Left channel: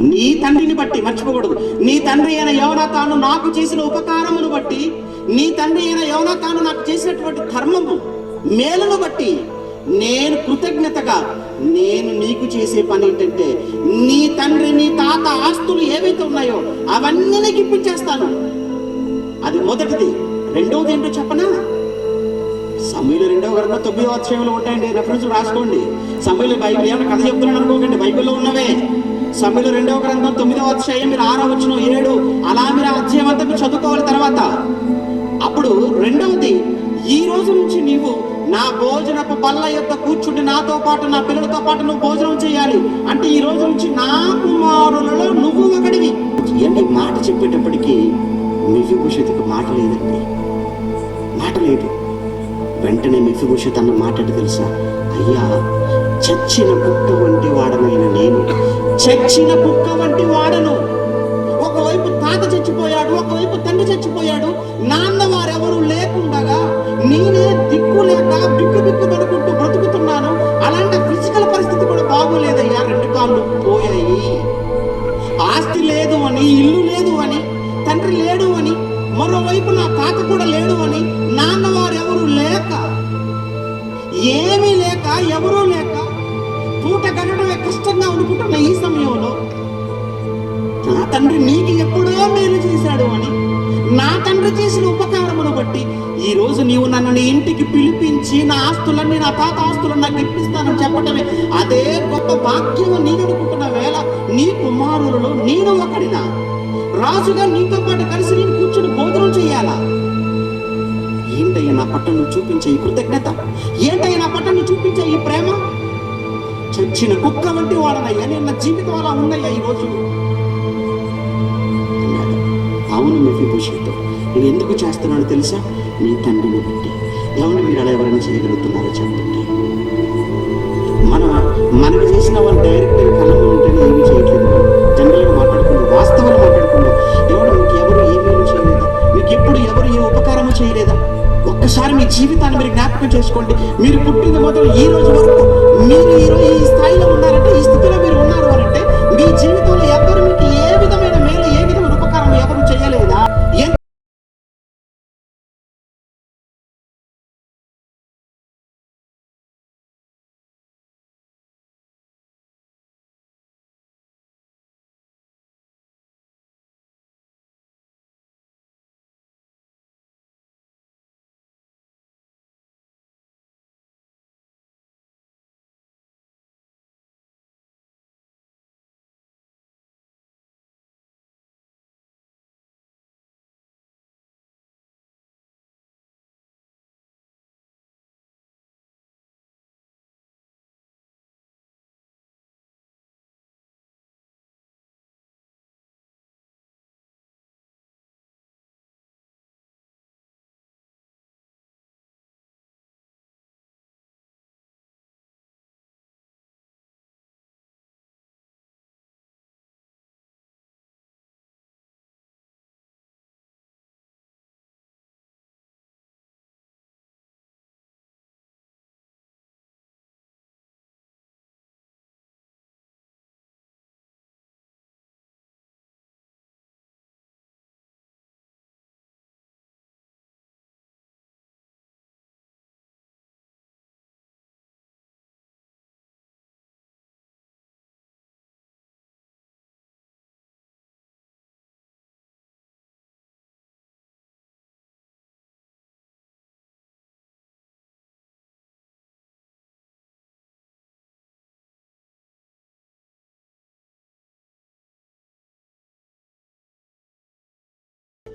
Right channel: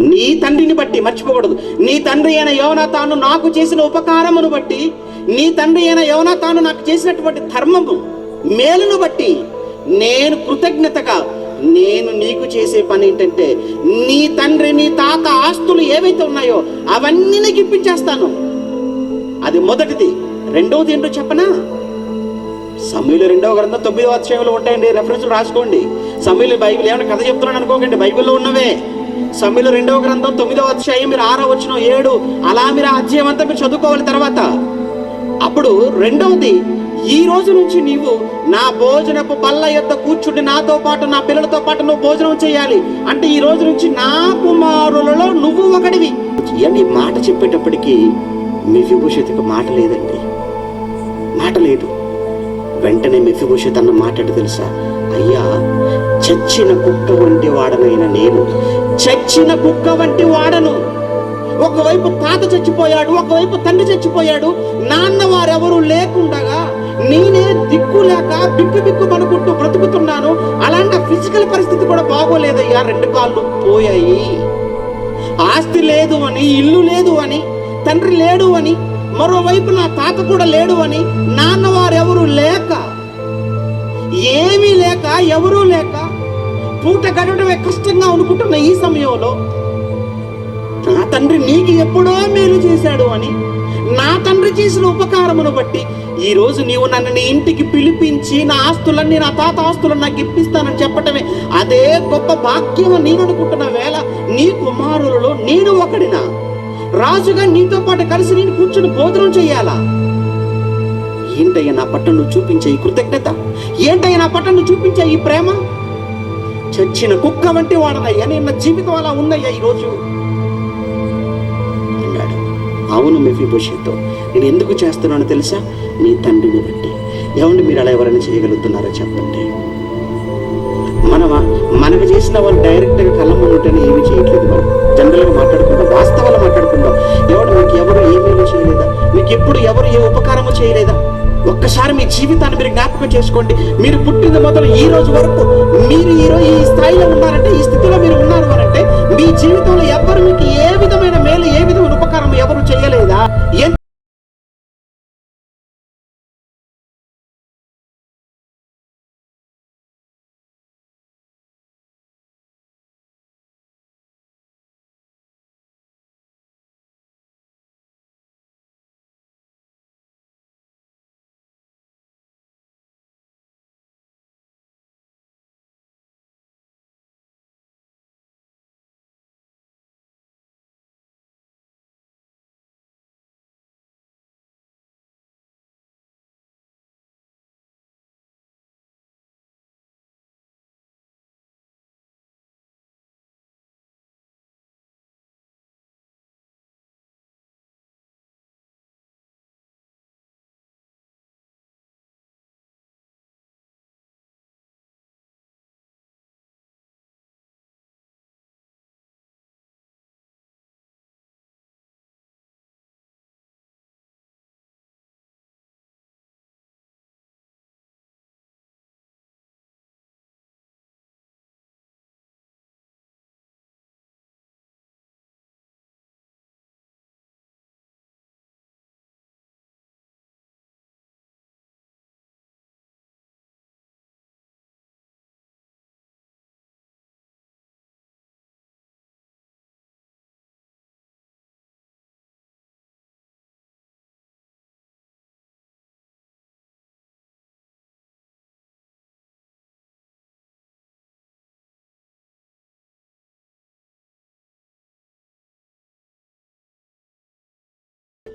నీ తండ్రిని బట్టి మర్చిపోకూడదు. నీ తండ్రి అయిన యోనా తాను నాకు చేసిన ఉపకారమును బట్టి నీ తండ్రి అయిన యోనా తాను నాకు చేసినటువంటి ధర్మము మేలును బట్టి నేను కృతజ్ఞతగా నేను నీకు చేసే పని ఏంటంటే నీ తండ్రి నీ తాత ఆస్తులు ఏవైతే ఉన్నాయో అవన్నీ నీకు ఇప్పించేస్తాను. అది మొదటిది. రెండవది ఏంటో చెప్పనా? సమీలు రెండవ గ్రంథం తొమ్మిదవ అధ్యాయంలో ఉంటాయండి. రెఫరెన్స్ రాసుకోండి. సమీలు బైబిల్ ఏమైనా కథ చెప్తున్నాను అనుకోకండి. బైబిల్లో ఉన్నవే. సమీలు రెండవ గ్రంథం తొమ్మిదవ అధ్యాయం మీరు ఆరో వచ్చిన ఏడు. అలా మీరు అధ్యాయం అంతా మీరు చదువుకోవాలి తర్వాత. అప్పుడు రెండవది ఈ రోజు నుంచి నీవు నా భోజనపు బల్ల యొక్క కూర్చుండి నాతో పాటు నా పిల్లలతో పాటు నువ్వు భోజనం చేయాలి. అంటే ఈ రోజు నుంచి నా కుమారులలో నువ్వు ఒకడివి. ఇవన్నీ మాట చెప్పేటప్పటికీ మిఫిభూషత్కి మాట లేదండి. మాట లేదు. వెంటనే మెఫిభూషత్ అన్న మాట్లాడి తెలుసా? అయ్యా చచ్చిన కుక్క వంటి వాడనైన నేను చచ్చిన కుక్క వంటి వాడను. ఒకవైపు తాత చచ్చిపోయాడు ఒకవైపు తండ్రి చచ్చిపోయాడు. నాన్న వారెవరూ లేకుండగా నేనే దిక్కు లేక బిక్కు బిక్కు పడుకుంటూ బ్రతుకుతున్నాను. అలాంటి ఫిజికల్ పరిస్థితి కూడా బాగోలేదయ్యా. రెండు కాళ్ళు పోయాయి. ఆస్తి లేదు అని ఇల్లు లేదు అని తండ్రి లేడు అని మరోవైపు నా తాత కూడా లేడు అని నాన్న లేక ఏమీ లేక ఎవరూ లేక పూట కట్టడమే కష్టంగా అనుకుంటున్న ఈ సమయంలో నా తండ్రి నీకు ఎప్పుడో మేలు చేశాడు అని నా తండ్రి చేసిన ఉపకారమును బట్టి ఈరోజు నీవు నన్ను నీ ఇంటికి పిలిపించి నా ఆస్తులన్నీ నా తాత ఆస్తులను నాకు ఇప్పిస్తానని చెప్పటమే అదే గొప్ప భాగ్యం నేను అనుకుంటున్న వేళ నీ కుమారులలో నేను ఒకడినా. రాజుగా నీతో పాటు కలిసి నేను కూర్చుని భోజనం చేయాలా? ఏంటయ్యా నా పట్ల నువ్వు చూపించే ఈ కృతజ్ఞత? ఏంటయ్యా నా పట్ల నువ్వు చూపించే ఈ ప్రేమ? చచ్చిన కుక్క వంటి వాడనయ్యా నేను నా జీవితం అలా ఉందయ్యా ఈరోజు అన్నాడు. అవును మెఫీభూషితో నేను ఎందుకు చేస్తున్నానో తెలుసా? మీ తండ్రిని బట్టి. ఎవరిని మీరు అలా ఎవరైనా చేయగలుగుతున్నారో చెప్పండి? మనం మనకు చేసిన వాళ్ళు డైరెక్ట్గా కళ్ళ ముందుంటేనే ఏమీ చేయట్లేదు మనం. జనరల్గా మాట్లాడుకుందాం వాస్తవాలు మాట్లాడుకుందాం. ఎవరు మీకు ఎవరు ఏమేమి చేయలేదా? మీకు ఎప్పుడు ఎవరు ఏ ఉపకారము చేయలేదా? ఒక్కసారి మీ జీవితాన్ని మీరు జ్ఞాపకం చేసుకోండి. మీరు పుట్టిన మొదలు ఈ రోజు వరకు మీరు ఈరోజు ఈ స్థాయిలో ఉన్నారంటే ఈ స్థితిలో మీరు ఉన్నారు అంటే మీ జీవితంలో ఎవరు మీకు ఏ విధమైన